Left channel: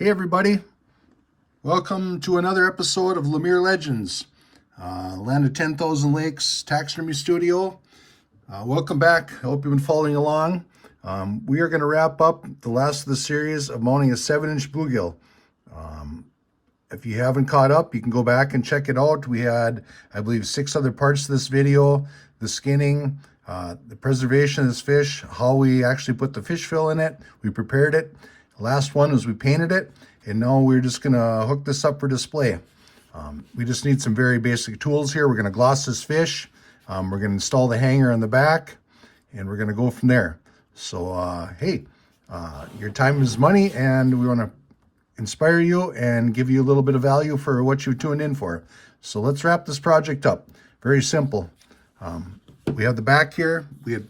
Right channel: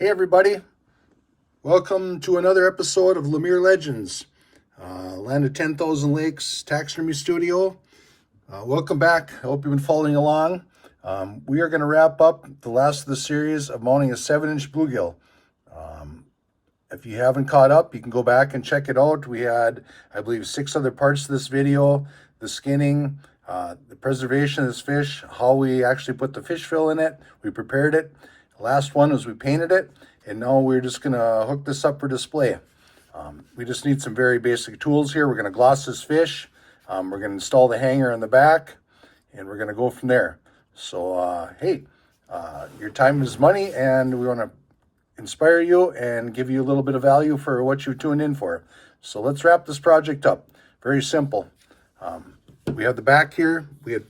Hey everybody, welcome to another episode of Lemire Legends, Land of 10,000 Lakes Taxidermy Studio. Welcome back, I hope you've been following along. We are going to wrap up the last of the series of mounting a 7-inch bluegill. If you haven't caught up, you can go back and check it out. We had, I believe, 6 other parts to this video: the skinning, the preservation of this fish, how we actually put the fish fill in it, we prepared it. The last one was we painted it, and now we're just going to hook this up for display. We just need some very basic tools here. We're going to gloss this fish. We're going to install the hanger in the back, and we're going to go from there. So, hey, your time is money, and we want to inspire you and give you a little bit of value for what you tuned in for. So let's wrap this project up. Very simple. We have the back here. We had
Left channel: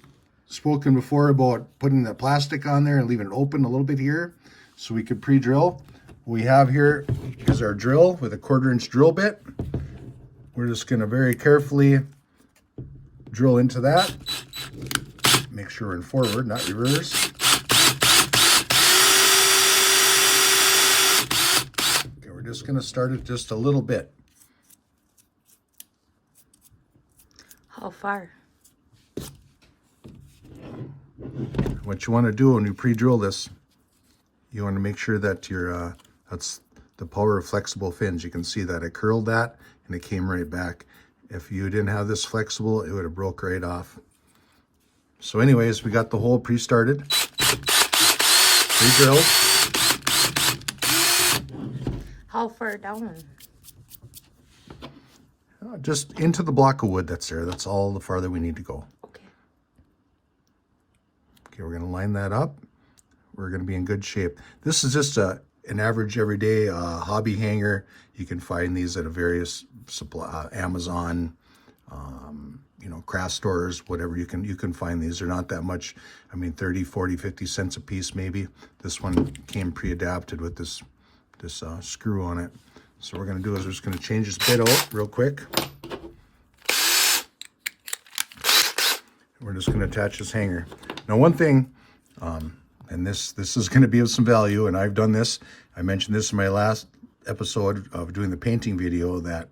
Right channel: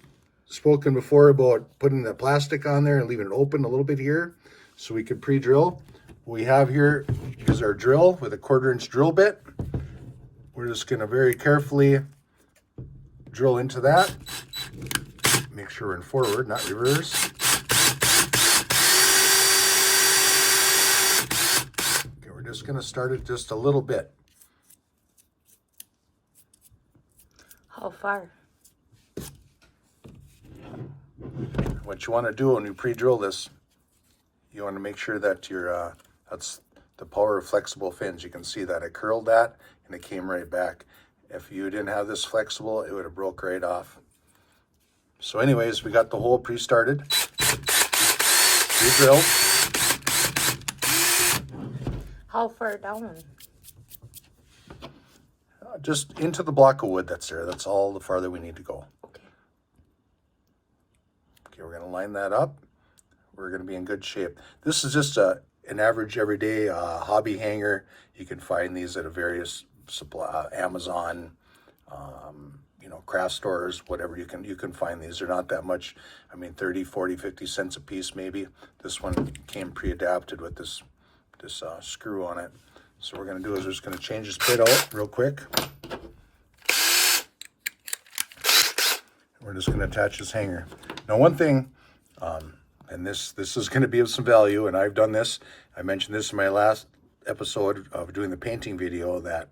spoken before about putting the plastic on there and leaving it open a little bit here so we could pre-drill. What we have here is our drill with a 1/4-inch drill bit. We're just going to very carefully drill into that. Make sure we're in forward, not reverse. Okay, we're just going to start it just a little bit. How far? What you want to do when you pre-drill this, you want to make sure that your that's the power of flexible fins. You can see that I curled that and it came right back. If you didn't have this flexible, it would have broke right off. So anyways, we got the hole pre-started. Pre-drill. How far down? Just into the block of wood that's there. That's all the farther we need to go. Okay. Okay, we're going to line that up. We're going to be in good shape. This is just an average everyday hobby hanger. You can find these at a various supply, Amazon, craft stores, whatever. You can find these. They're not that much. I mean, 30, 40, 50 cents a piece maybe. This one came pre-adapted with this screw on it. So what we're going to do is we're just going to change this bit out real quick. We're just going to attach this hanger. Now, one thing, and this is going to be of some value, and I've done this. I mentioned this in my last episode of doing the painting video, that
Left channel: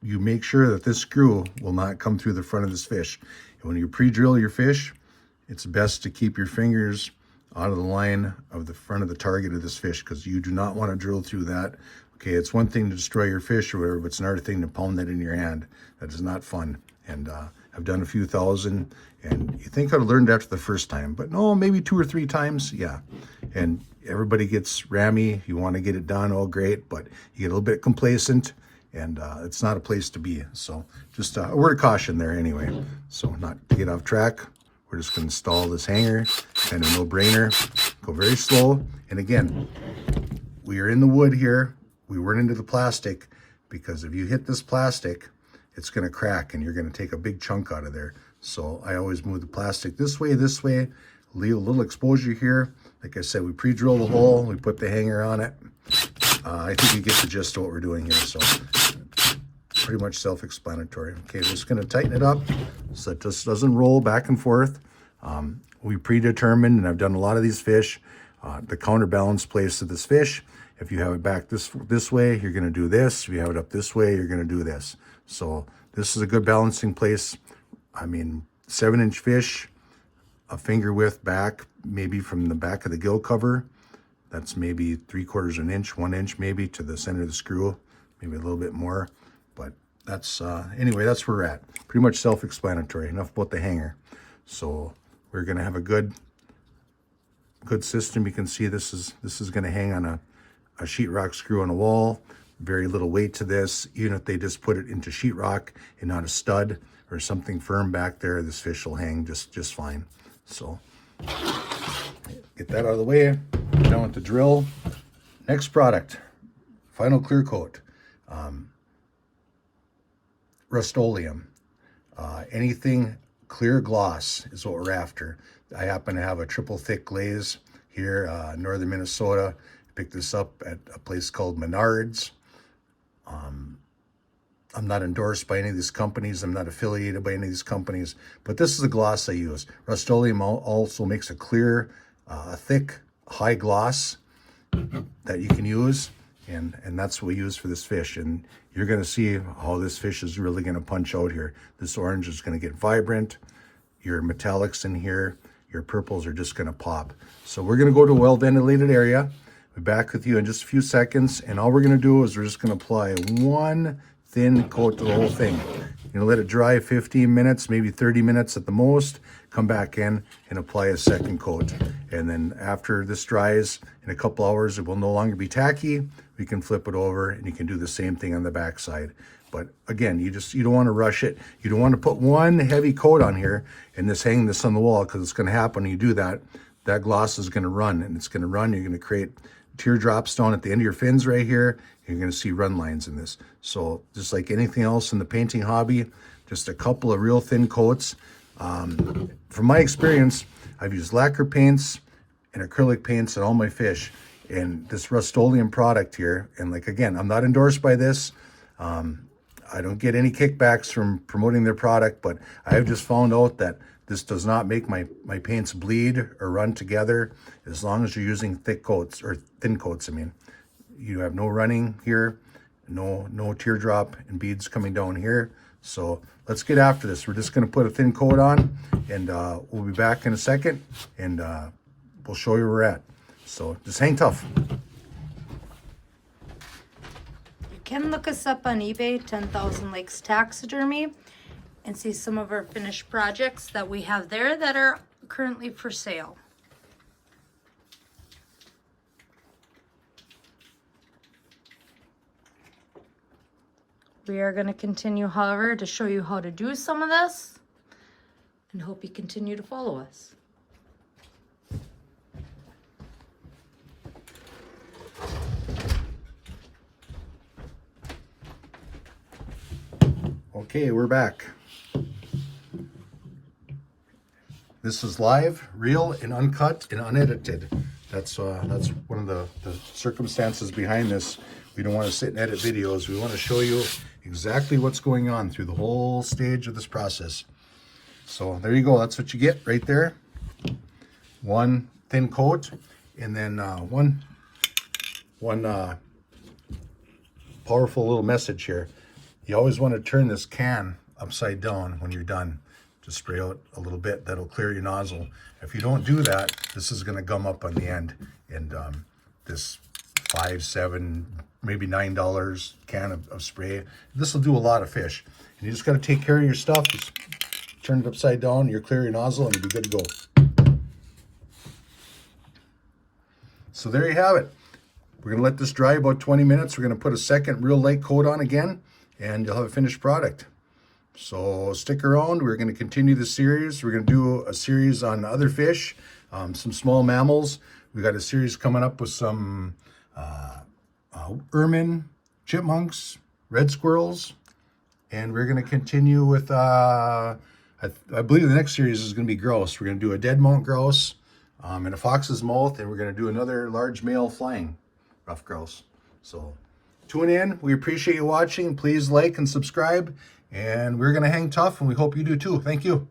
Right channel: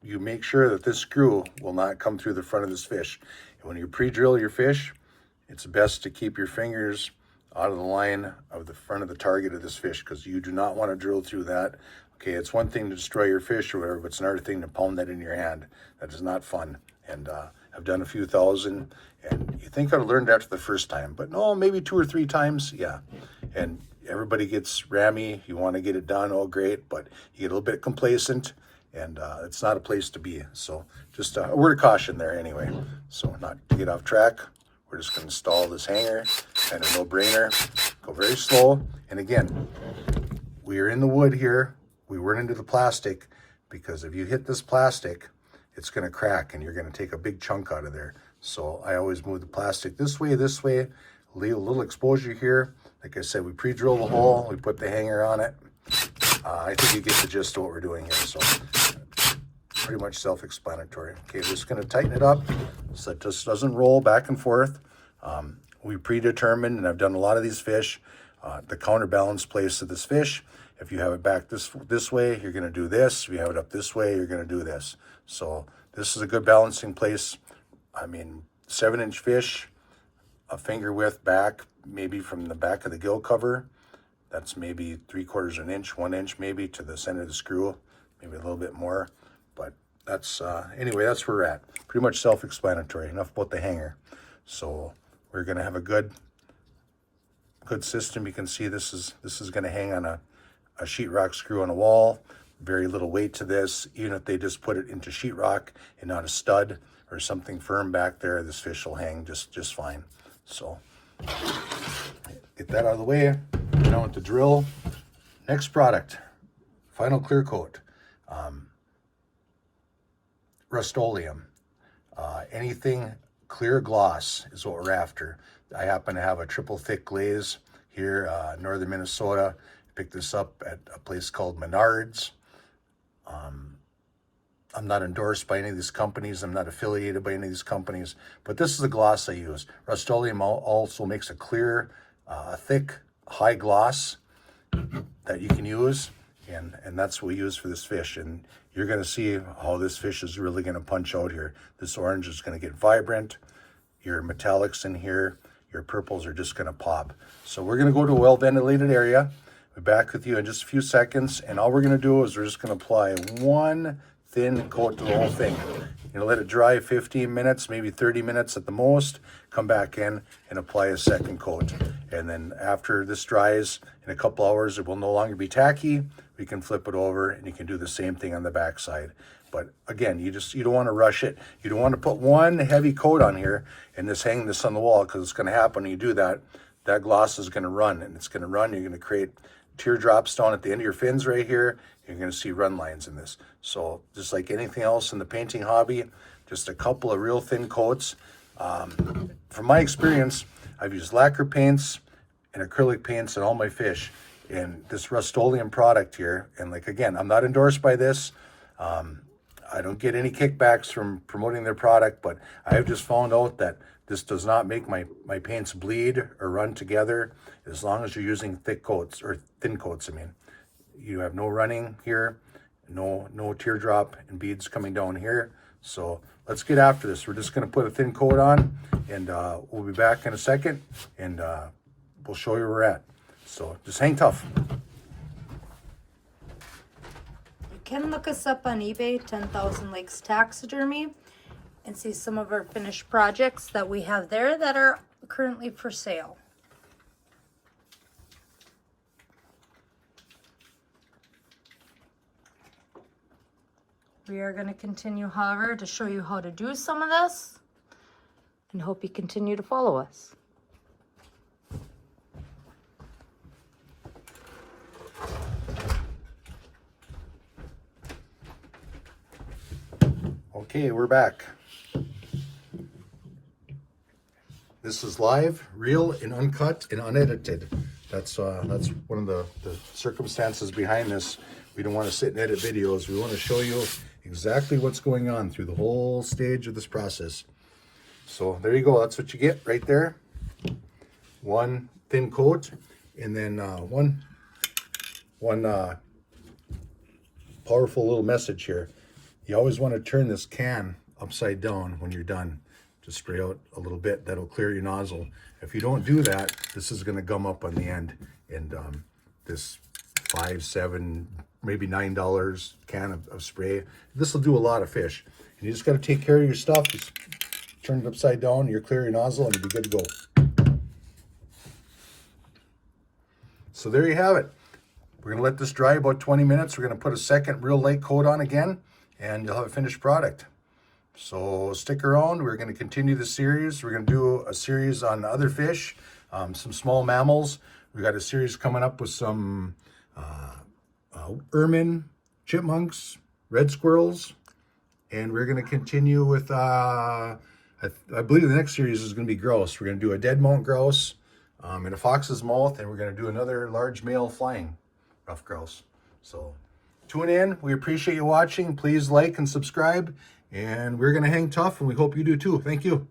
you make sure that this screw will not come through the front of this fish. And when you pre-drill your fish, it's best to keep your fingers out of the line of the front of the target of this fish, because you do not want to drill through that. Okay, it's one thing to destroy your fish or whatever, but it's another thing to pound that in your hand. That is not fun. And I've done a few thousand, and you think I'd learned after the first time, but no, maybe 2 or 3 times, yeah. And everybody gets rammy. You want to get it done, oh great, but you get a little bit complacent, and it's not a place to be. So just a word of caution there anyway. So not to get off track, we're just going to install this hanger, kind of no-brainer. Go very slow. And again, we are in the wood here. We weren't into the plastic, because if you hit this plastic, it's going to crack and you're going to take a big chunk out of there. So I always move the plastic this way, leave a little exposure here. Like I said, we pre-drill the hole, we put the hanger on it. I think you get the gist of what we're doing here. So pretty much self-explanatory. Okay, we're just going to tighten it up so it just doesn't roll back and forth. We predetermined, and I've done a lot of these fish, the counterbalance place of this fish. If you have it back this way, you're going to do this. If you have it up this way, you're going to do this. So this is a good balancing place. I mean, 7-inch fish, a finger width back, maybe from the back of the gill cover. That's maybe 3/4 an inch, 1 inch maybe to the center of the screw, maybe a little bit more. But that's, anyway, that's where we're at. Pretty much self-explanatory. Enough about the hanger. So we're going to have a good system. You can see this is going to hang on a sheetrock screw on a wall. Very little weight to this. Even if they just put it into sheetrock and not a stud or something firm back there, this fish will hang just fine. So get that out of the way. Now with the drill. Next product, final clear coat. Rust-Oleum. Anything clear gloss is what we're after. I happen to have a triple thick glaze here, northern Minnesota. Picked this up at a place called Menards. I'm not endorsed by any of these companies. I'm not affiliated by any of these companies, but this is the gloss I use. Rust-Oleum also makes a clear, thick high gloss that you can use, and that's what we use for this fish. And you're going to see how this fish is really going to punch out here. This orange is going to get vibrant. Your metallics in here, your purples are just going to pop. So we're going to go to a well-ventilated area. We'll be back with you in just a few seconds, and all we're going to do is we're just going to apply one thin coat to the whole thing. You're going to let it dry 15 minutes, maybe 30 minutes at the most. Come back in and apply a second coat. And then after this dries in a couple hours, it will no longer be tacky. We can flip it over and you can do the same thing on the back side. But again, you don't want to rush it. You don't want to put one heavy coat on here and just hang this on the wall, because it's going to happen when you do that. That gloss is going to run, and it's going to run. You're going to create teardrops down at the end of your fins right here. You're going to see run lines in this. So just like anything else in the painting hobby, just a couple of real thin coats. From my experience, I've used lacquer paints and acrylic paints on all my fish, and this Rust-Oleum product here. And like, again, I'm not endorsed by this. I don't get any kickbacks from promoting their product, but I have just found out that this does not make my paints bleed or run together as long as you're using thick coats, or thin coats, I mean. You have no running here, no teardrop and beads coming down here. So let's get after this. We're just going to put a thin coat on, and we'll be back in a second, and we'll show you where we're at. So just hang tough. You can look us up on eBay, 10,000 Lakes Taxidermy, and see some of our finished projects that we have there that are currently for sale. We are going to continue, however, to show you how to do some of this, and hope you continue to follow us. Okay, we're back. This is live, real, and uncut and unedited. That's one of the circumstances behind this. We don't want to sit and edit videos. We want to show you exactly what's going on through the whole stage of this process. So there you go. That's what you get right there. One thin coat, and then one powerful little message here. You always want to turn this can upside down when you're done to spray out a little bit. That'll clear your nozzle. If you don't do that, this is going to gum up on the end, and this $5, $7, maybe $9 can of spray, this will do a lot of fish. And you just got to take care of your stuff. Just turn it upside down, you'll clear your nozzle, and you'll be good to go. So there you have it. We're going to let this dry about 20 minutes. We're going to put a second real light coat on again, and you'll have a finished product. So stick around. We're going to continue the series. We're going to do a series on other fish, some small mammals. We got a series coming up with some ermine, chipmunks, red squirrels, and we're going to continue with, I believe the next series is going to be grouse. We're going to do a dead mount grouse in a fox's mouth, and we're going to do another large male flying rough grouse. So tune in. We appreciate you watching. Please like and subscribe, and we're going to hang tough, and we hope you do too. Thank you.